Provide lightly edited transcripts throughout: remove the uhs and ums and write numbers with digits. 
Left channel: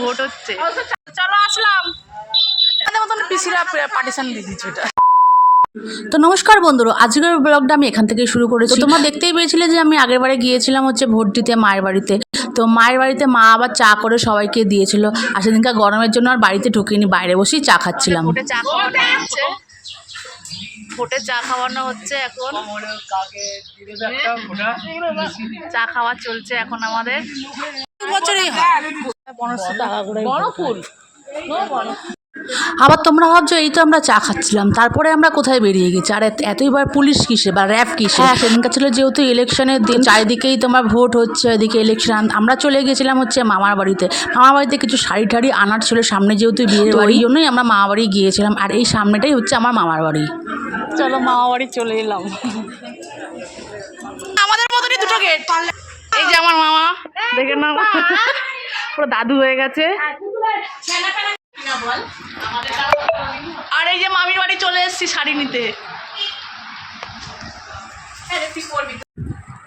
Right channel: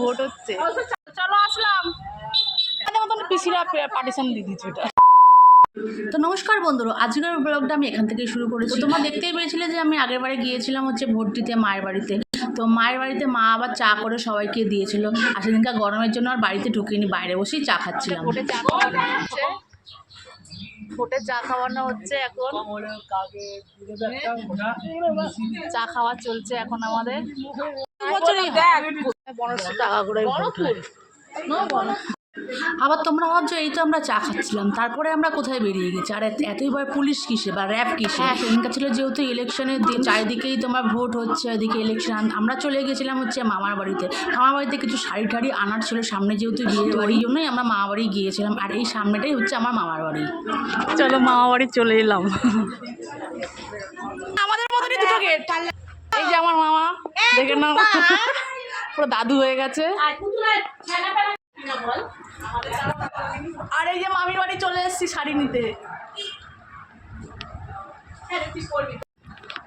Vote হচ্ছে, চলো আসলাম। পিসিরা partition দিয়ে দিচ্ছে এটা। তো নমস্কার বন্ধুরা, আজকের ব্লগটা আমি এখান থেকে শুরু করেছি। তোমরা দেখতেই পেয়েছিলে যে আমি আগের বারে গিয়েছিলাম হচ্ছে ভোট দিতে মায়ের বাড়িতে। তো মায়ের বাড়িতে মা আবার চা করে সবাইকে দিয়েছিল, আর সেদিনকার গরমের জন্য আর বাড়িতে ঢুকিনি, বাইরে বসেই চা খাচ্ছিলাম। ভোটে চা খাওয়ানো হচ্ছে, ভোটে চা খাওয়ানো হচ্ছে এখন, চা খাওয়া চলছে এখন আমাদের। বছরই 1500 টাকা করে বড় ফুল। আবার তোমরা ভাবছো এই তো আমরা চা খাচ্ছিলাম, তারপরে আমরা কোথায় বেরিয়ে গেছি, আর এতইবার পুলিশ কিসে বা র্যাব কিসে। সেদিনকার ছিল যেহেতু ইলেকশনের দিন, চারিদিকেই তোমার ভোট হচ্ছে, এদিকে ইলেকশন। আমরা চলে গেছিলাম হচ্ছে মামার বাড়িতে। মামার বাড়িতে কিছু শাড়ি ঠাড়ি আনার ছিল, সামনে যেহেতু বিয়ের বাড়ি, জন্যই আমরা মামা বাড়ি গিয়েছিলাম। আর এই সামনেটাই হচ্ছে আমার মামার বাড়ি। চলো মামা বাড়ি চলে এলাম। আমাদের মতনই দুটো গেট। এই যে আমার মামা, দেখে নাও পুরো দাদু হয়ে গেছে। আর এই যে মামির বাড়ি চলে এসেছি শাড়ি নিতে।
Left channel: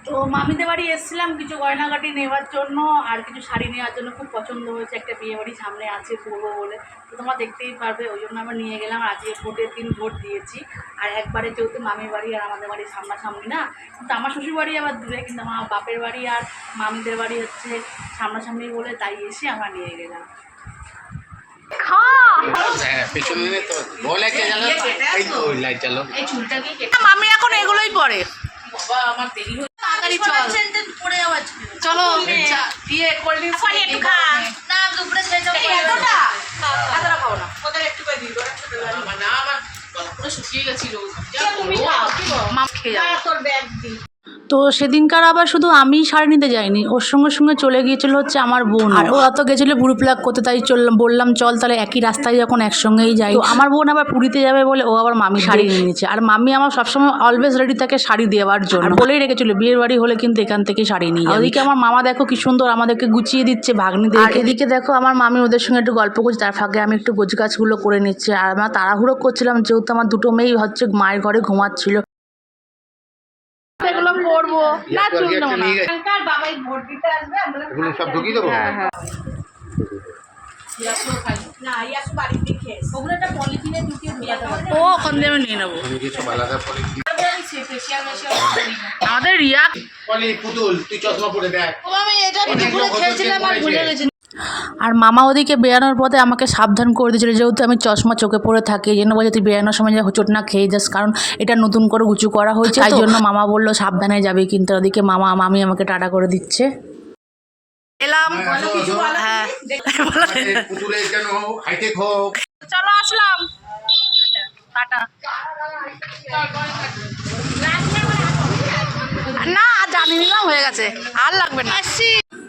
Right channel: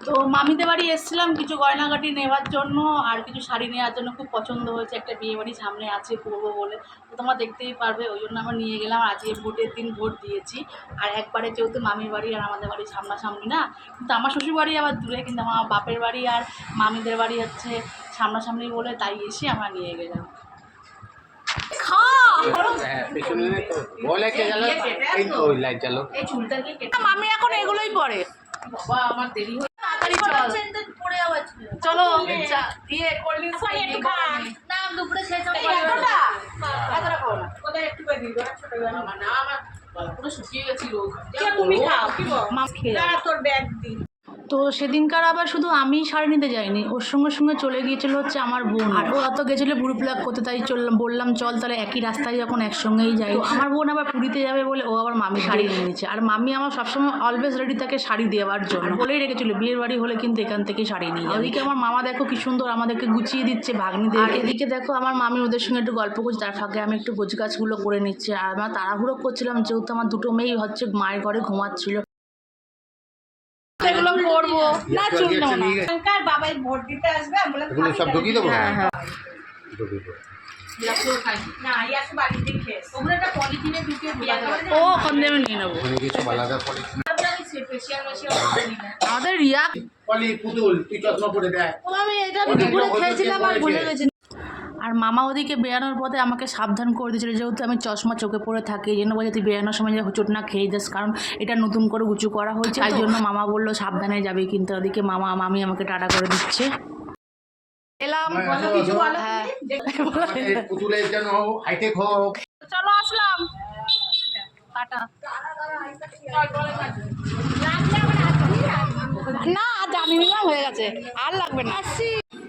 তো মামিদের বাড়ি এসেছিলাম কিছু গয়নাগাটি নেওয়ার জন্য আর কিছু শাড়ি নেওয়ার জন্য। খুব পছন্দ হয়েছে, একটা বিয়ে বাড়ি সামনে আছে করবো বলে। তো তোমরা দেখতেই পারবে, ওই জন্য আমরা নিয়ে গেলাম। আর আজকে ভোটের দিন ভোট দিয়েছি। আর একবারে যেহেতু মামির বাড়ি আর আমাদের বাড়ি সামনাসামনি না, কিন্তু আমার শ্বশুর বাড়ি আবার দূরে, কিন্তু আমার বাপের বাড়ি আর মামিদের বাড়ি হচ্ছে সামনাসামনি বলে তাই এসে আমরা নিয়ে গেলাম। মামি এখন এগুলোই পরে। আমার দেরি হয়ে চলো দিয়ে কোল্ড ড্রিঙ্কস একটু খা না, দুপুরে এতটা খাও না, ওদের একটু করে দিই। না আমার পুরো শুকিয়ে গেছিল, মাম খেয়ে যাও তোর ব্যাগ দি। তো সেদিনকার আবার শুধু আমি শাড়ি নিতে যাইনি, ওর সঙ্গে সঙ্গে চলে গিয়েছিল হচ্ছে আমার বোন। আর ও অত গেছিলো বুড়ো প্লাগ করতে, তাই বললাম চল তাহলে একই রাস্তায় যখন একসঙ্গেই যাই। তো আমার বোন আবার পুরীতে যাবে বলে ও আবার মামি শাড়ি নিয়ে নিচ্ছে। আর মামি আমার সবসময় অলওয়েজ রেডি থাকে শাড়ি দেওয়ার জন্য, বলেই রেখেছিল বিয়ের বাড়ি হলে কিন্তু এখান থেকে শাড়ি নিয়ে যাবে। ওদিকে আমার মামা দেখো কি সুন্দর আমাদেরকে গুছিয়ে দিচ্ছে ভাগ্নিদের। আর এদিকে দেখো আমার মামি ওদের সঙ্গে একটু গল্প করছে, তার ফাঁকে আমি একটু গোছগাছগুলো করে নিচ্ছে। আর আমরা তাড়াহুড়ো করছিলাম যেহেতু আমার দুটো মেয়েই হচ্ছে মায়ের ঘরে ঘুমাচ্ছিল। এগুলো করবো না, চুল নেবো না। বাবাই ভোট দিতে আসবে, আমরা সব ঢুকিয়ে দেবো। হ্যাঁ হ্যাঁ ও ওখান দিয়ে আমি নিয়ে নেবো। আমাদের রিয়া পুতুল তুই চশমা পরে দেখ। আর মামা ওদিকে বেরানোর পথে আমাকে সাবধান করে দিয়েছিল, যেহেতু আমি চশমা চোখে পড়ে থাকি, এই জন্য বলে তুই বেরানোর সময় যা চোট না খেয়ে যাস, কারণ এটা নতুন করে উঁচু করা হয়েছে, তাই জন্য মামা বললো সাবধানে যাবে। কিন্তু ওদিকে মামি আমাকে টাটা করে দিচ্ছে। এলাম, হ্যাঁ চলো আসলাম, টাটা। না জানি নিলাম, হয়ে গেছে, আর লাগবে না।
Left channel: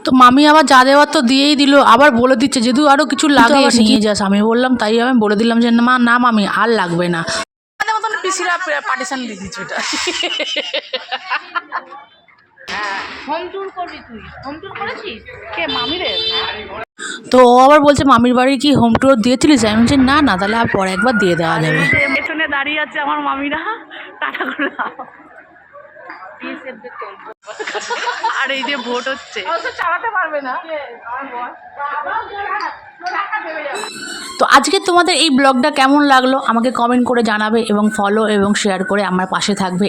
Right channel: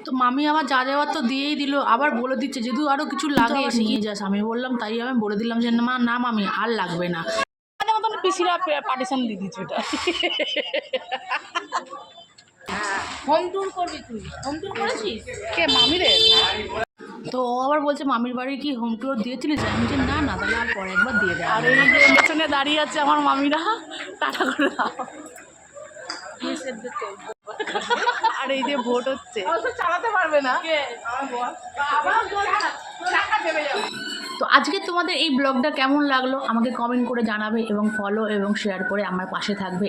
তো মামি আবার যা দেওয়ার তো দিয়েই দিল, আবার বলে দিচ্ছে যদি আরও কিছু লাগে নিয়ে যাস। আমি বললাম, তাই আমি বলে দিলাম যে না মামি আর লাগবে না। আমাদের মতন পিসিরা পার্টিশন দিয়ে দিচ্ছে এটা। হোম ট্যুর করবি তুই? হোম ট্যুর করেছিস? কে মামিদের? তো ও আবার বলছে মামির বাড়ি কি হোম ট্যুর দিয়েছিলিস? আমি বলছি না তাহলে আর পরে একবার দিয়ে দেওয়া যাবে। পেছনে দাঁড়িয়ে আছে আমার মামিরা, টাটা করে দাও। আর এই যে ভোট হচ্ছে, চালাতে পারবে না। তো আজকে তোমাদের এই ব্লগটা কেমন লাগলো আমাকে কমেন্ট করে জানাবে, এবং ফলো এবং শেয়ার করে আমার পাশে থাকবে।